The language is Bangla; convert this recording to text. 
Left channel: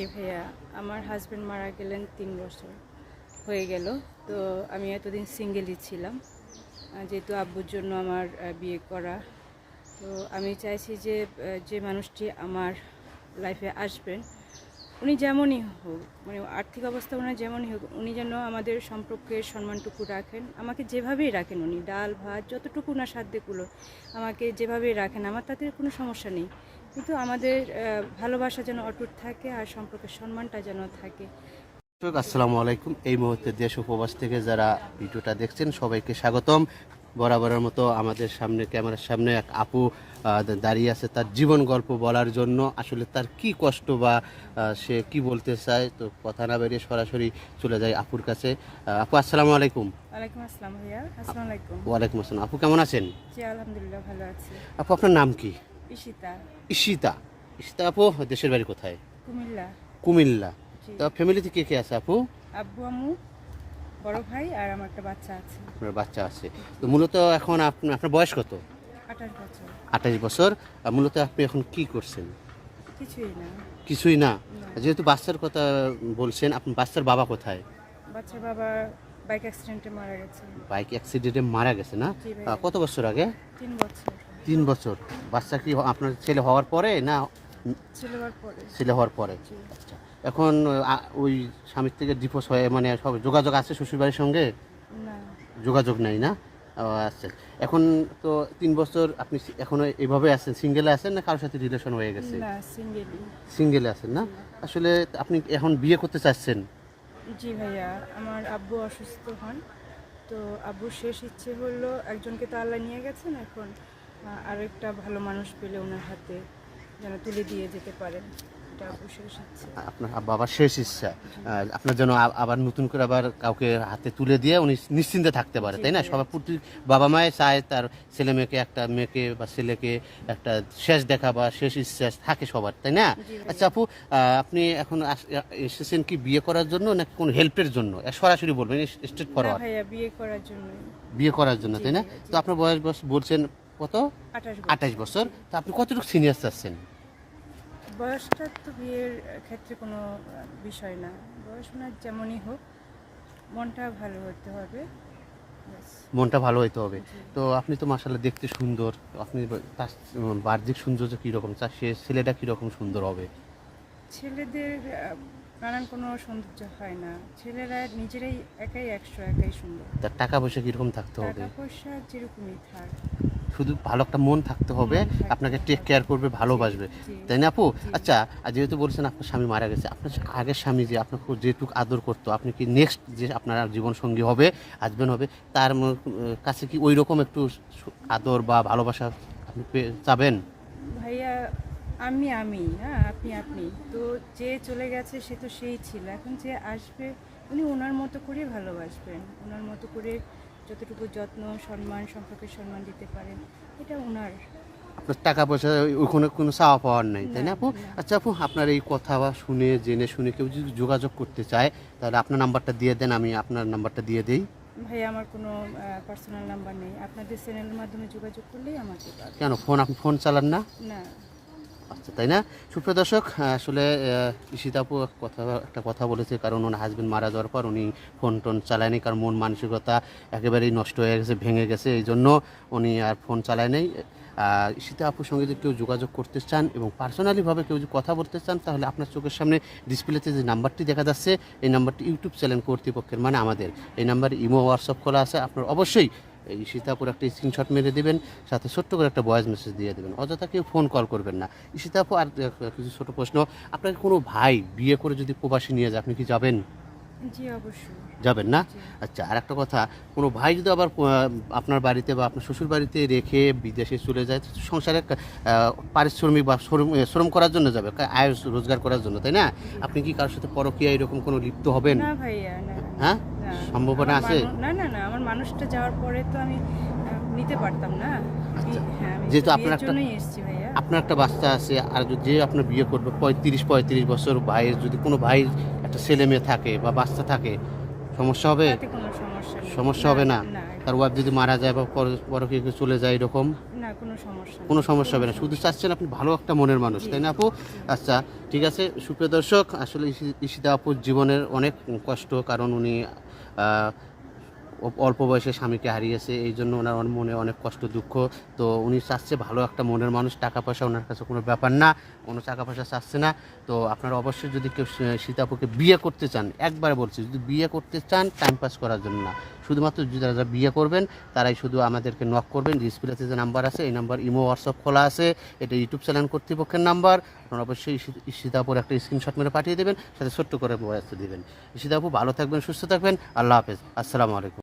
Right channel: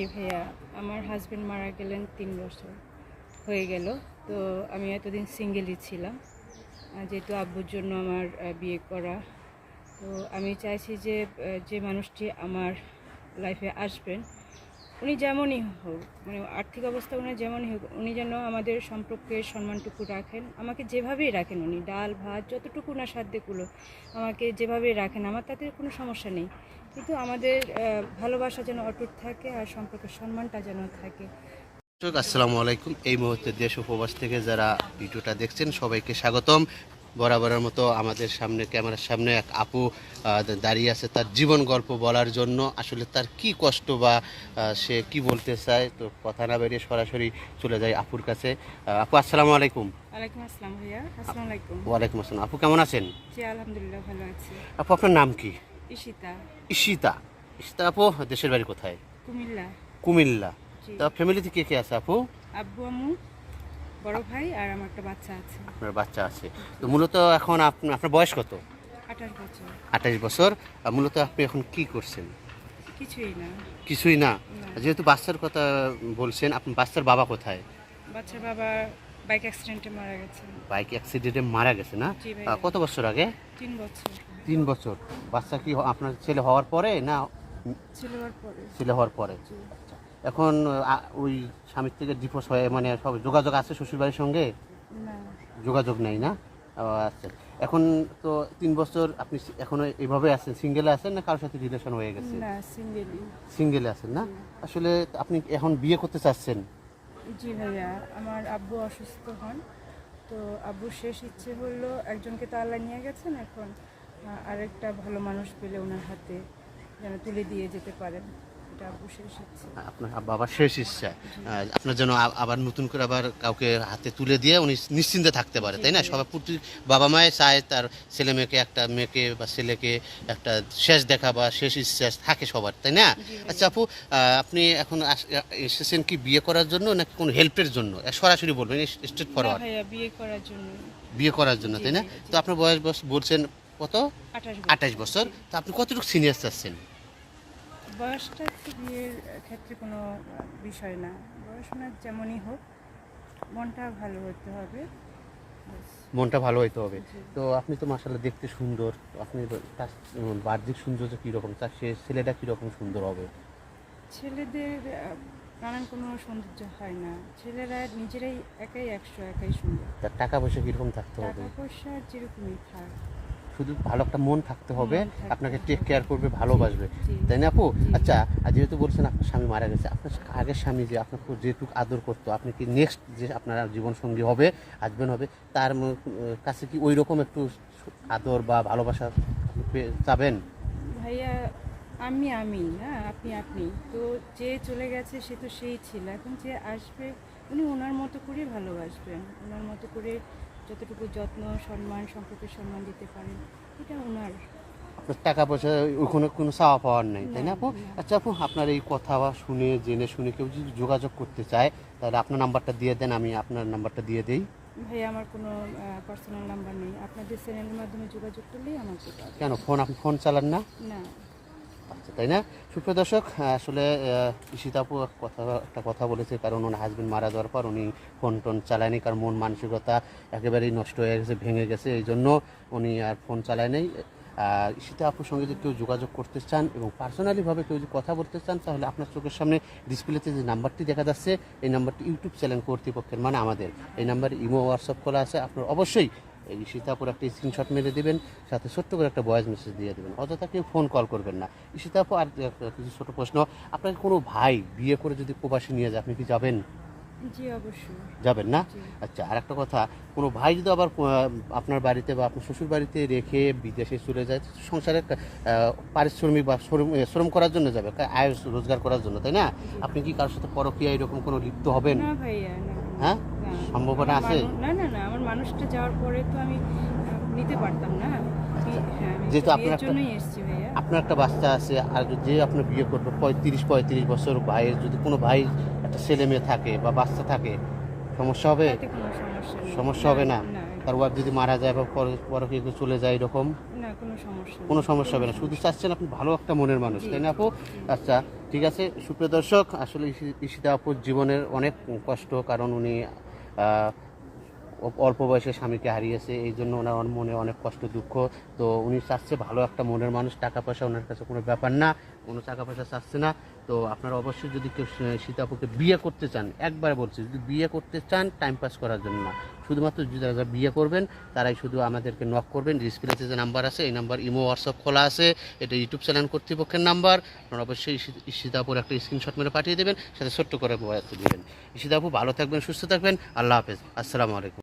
জি ভাইয়া, আমার হাজবেন্ড মারা গেলেন 3 বছর হয়ে গেল। তো আমি এতদিন সিঙ্গেলই ছিলাম, যেহেতু আব্বুর জন্য আমার বিয়ে করা। তো আমি চাইছি যে যে মানুষটি আমার লাইফে আসবেন, উনি যেমনই হোক, মানে আর্থিক অবস্থা ওনার যেমনই হোক, উনি যেন আমাদের সম্পর্কের সম্মানটুকু রাখেন। আমাকে যেভাবেই রাখেন, উনি ডাল ভাত যতটুকু ওনার সাধ্যগুলো আমাকে যেভাবেই রাখেন, আমার তাতে কোনো সমস্যা নেই। কিন্তু আমাদের ভালোবাসা যেন অটুট থাকে আর সম্পর্কের সম্মানটা যেন থাকে। আসসালামু আলাইকুম। এই মুহূর্তে দেশ উপবাস থেকে যারা ভিডিওটা দেখছেন সবাইকে স্বাগতম। বরাবরের মতো আমাদের সামনে ক্যামেরার সামনে এক আপু দাঁড়িয়ে আছে তার জীবন গল্প বলার জন্য। আসলে তার কি কষ্ট বা সে কি বলতে চায়, তো কথা না বেরিয়ে সরাসরি চলে যায় আপুর কাছে। আপু আসসালামু আলাইকুম। ওয়ালাইকুম আসসালাম ভাইয়া। আসসালামু আলাইকুম। ওয়ালাইকুম আসসালাম। আপু কেমন আছেন? জি আলহামদুলিল্লাহ ভালো আছি। আপু আপনার নাম কি? ঈশিতা। ঈশিতা। ঈশিতা আপু দেশের বাড়ি কোথায়? কুমিল্লা। কুমিল্লা। জি। তা ফ্যামিলিতে কে কে আছে আপু? আব্বু আম্মু, বড় ভাই আর আমার একটা বাচ্চা আছে। আপনার বাচ্চা আছে। তো মূলত এখন আপনার বয়স কত? 28 বছর। 28 বছর। মূলত আপনি এখন কি করছেন? কিছুই না। কিছুই না। না। যেহেতু বাচ্চার কথা বলছেন, আপনি বাচ্চার বাবা কোথায়? বাচ্চার বাবা বাইক অ্যাক্সিডেন্টে মারা গেছে। বাইক অ্যাক্সিডেন্টে মারা গেছে না? জি ভাইয়া। কত বছর আগে? 3 বছর। 3 বছর। বাচ্চা কি আপনার ছেলে হওয়ার পরে না ছেলে হওয়ার পরে। ছেলে হওয়ার পরে? জি। আচ্ছা। এখন ওই স্বামীর থেকে ডিভোর্স হয়ে মানে সব যোগাযোগ আছে শ্বশুরবাড়ির সঙ্গে? না। যোগাযোগ নেই না? আচ্ছা। এখন তো 3 বছর আপনি এখনো এইভাবে আছেন, সিঙ্গেলে আছেন না কারোর সাথে রিলেশন হয়ে গেছে? না, সিঙ্গেলই। সিঙ্গেলে আছেন না? আসলে আপনি এখন বিয়ে করতে চাচ্ছেন? জি ভাইয়া, আমার আব্বু অসুস্থ হন। তো আব্বুর শেষ ইচ্ছে হলো, একজনকে তো আল্লাহ নিয়ে গেছেন, এখন আরেকটা ভালো মানুষ পেলে ওনার হাতে যেন তুলে দিয়ে যেতে পারেন, এটা আব্বুর শেষ ইচ্ছে। আপনার বাবার শেষ ইচ্ছা আপনার জন্য আবার নতুন করে আবার কাউকে হাতে তুলে দিয়ে উনি নিশ্চিন্তে থাকতে পারে, তাই না? সবাই প্রতি বাবা মায়ে চায় তার ছেলে মেয়েকে, একটা মেয়েকে বা ছেলেকে একটা শেষ দেখা বা শেষ ইচ্ছা থাকে সবার, তাই না? আচ্ছা আপু, আপনি এখন এসেছেন কি বিয়ে করার জন্য নাকি কোনো হেল্পের জন্য? সরাসরি বলবেন, স্ট্রেট না ফরওয়ার্ড। ভাইয়া, বিয়ে করার জন্যই। বিয়ে করার জন্য, তাই না? জি, জি। তো আপনার বয়স বলছেন কত? 28 28 বছর। তো আপনি কতটুকু সিনিয়র চাচ্ছেন? বয়সটা তো বিয়ের ক্ষেত্রে কোনো বিষয় না। বয়স ওনার যেমনই হোক, মনটা ভালো হতে হবে, ব্যাস। মনটা ভালো হইতে হবে। জি। তো আপনি তো মাশাআল্লাহ দেখতে সুন্দর। তো আপনি তার বাহ্যিক সৌন্দর্য কীরকম? তার সে ছেলেটা কীরকম সুন্দর হবে? ছেলেদের নানান কোনো সৌন্দর্য হয় না, ছেলেরা নিজেরাই একাই 100, একাই সুন্দর। তার টাকা পয়সা কীরকম থাকতে হবে? টাকা পয়সা যেরকমই থাক, শুধু ভালো একটা মন থাকতে হবে, মন থাকতে আপনাকে টেক হবে। কেয়ার করবে, ভালোবাসবে। জি, তাই না আপু? জি। আচ্ছা, আর যেহেতু বলছেন আপনার স্বামী মারা গেছে, আপনার আগের স্বামী যে আপনাকে যেটুকু আদর করতো, আপনি কি নেক্সট যে আপনার জীবনসঙ্গী হবে, হাসবেন্ড হবে, তার কাছে কি ওইরকম একটু আদর বা ভালোবাসা চাবেন? ভাইয়া, আমি না, আপনি তো যে চলে গেছে সে তো সেই ছিল, এখন যে আসবে উনি ওনার মতো করে ভালোবাসবেন, ওনার মতো করে যতটুকু যত্ন সম্মান, সম্পর্কের সম্মান দিতে পারেন, এটা ওনার। আপনার টাকা পয়সা ওখানে কোনো চাওয়া পাওয়ার নেই, তাই না আপু? না। আচ্ছা আপু, আপনার এই কথা শুনে জেনে শুনে কেউ যদি যোগাযোগ করতে চায়, তাহলে আপনার নাম্বারটা দিয়ে দেন, আমি আপনার নাম্বারটা দিয়ে দিই। ভাইয়া, আমার কোনো পার্সোনাল নাম্বার নেই, আপনাদের চ্যানেলের মাধ্যমে যোগাযোগ করলেই আমাকে পাবে। কেন আপনি ফোন চালান না? না। আচ্ছা, তাই না? সুপ্রিয় দর্শক, আসলে ঈশিতা আপু একটা কথা বলেছে, কারণ ওনার হাজবেন্ড মারা যাওয়ার পর উনি ফোন টোন চালায়নি, কারণ মন মানসিকতা একেবারেই নষ্ট হয়ে গেছে, ভেঙে গেছে, এই জন্য উনি আর ফোন চালায় নেই। ঈশিতা আপুর সঙ্গে যদি কেউ যোগাযোগ করতে চান এবং পার্সোনালিভাবে কেউ যদি কথা বলতে চান, তাহলে আপনার চোখের সামনে ডিসপ্লেতে যে নাম্বারটি দেখা যাচ্ছে, এই নাম্বারটি ইউটিউব চ্যানেল কর্তৃপক্ষের, মানে আমাদের, এই নাম্বারে ইমো হোয়াটসঅ্যাপ খোলা আছে। আপনার অবশ্যই এই ঈশিতাপুর একটা স্ক্রিনশট মেরে দেবেন, সাথে ছোট্ট করে একটা ভয়েস মেসেজ দিয়ে দেবেন, অযথা কেউ ফোন কল করবেন না। ঈশিতাপু, আর কিছু ছোট প্রশ্ন, আপনার কোনো ভাই বিয়ে করে যদি প্রবাসী নিয়ে যায়, আপনি কি যাবেন? জি অবশ্যই। যাবেন না? জি। আচ্ছা, আর একটা কথা, কোনো ভাই যদি আবার আপনার বাড়িতে বা আপনার শ্বশুর বাড়িতে রেখে বিদেশে চলে যায়, সংসারে পারিশ্রমিক বা শ্রম করার জন্য যাবে, আয় রোজগার করার জন্য, তাই না? আপনি কি কারোর সাথে পরকীয়া এরকম কোনো লিপ্ত হবেন? না ভাইয়া, না। হ্যাঁ, না। সম্ভাবনা আছে? না, আমার মানুষটা যাওয়ার পরে তো আমি নিতে পারতাম না। হ্যাঁ, আমি যেহেতু তো আপনার বিয়ের একটা জন্যই এসেছি ভাইয়া। আপনার একটা বাচ্চা আছে, আর যে আপনার বিয়ে করবে 35 বছর ভাইয়ের, যদি কোনো ভাইয়ের একটা ছেলে মেয়ে থাকে বা বাচ্চা থাকে, সমস্যা হবে? তাতে কোনো সমস্যা নেই। সমস্যা হবে না? না, তার ওয়াইফ যদি মারা যায় বা পরকে চলে যায় এরকম না, কোনো সমস্যা নেই। কোনো সমস্যা হবে না, শুধু চাচ্ছেন আপনি ভালো একটা মনের মানুষ, তাই না আপু? আচ্ছা ঠিক আছে সুপ্রিয় দর্শক, আসলে ঈশিতা আপুর জীবনের অনেক কষ্ট, কারণ উনি অল্প বয়সে স্বামীকে হারিয়েছে, এই জন্য ওনার মনে অনেক কষ্ট দুঃখ। তো উনি চাচ্ছে ভালো একটা মনের মানুষ, টাকা পয়সা ওনার কাছে কোনো ব্যাপার না, কোনো টাকা পয়সা চাচ্ছে না। তো আপনারা অবশ্যই যদি কেউ সীতাপুকে বিয়ে করতে চান, একবার বলছি, যদি বিয়ে করতে চান টাইম পাস করার জন্য না, শুধুমাত্র যদি যারা বিয়ে করবেন তারাই শুধু আমাদেরকে নক করবেন। ডিসপ্লেতে যে নাম্বার আছে এই নাম্বার ইমো হোয়াটসঅ্যাপ খোলা আছে, এটা ইউটিউব চ্যানেল কর্তৃপক্ষের নাম্বার। আপনারা অবশ্যই সীতাপুর একটা স্ক্রিনশট মেরে পাঠিয়ে দেবেন, সাথে ছোট্ট করে দেবেন। সীতাপু ভালো থাকবেন, সুস্থ থাকবেন, আল্লাহ হাফেজ, আসসালামু আলাইকুম।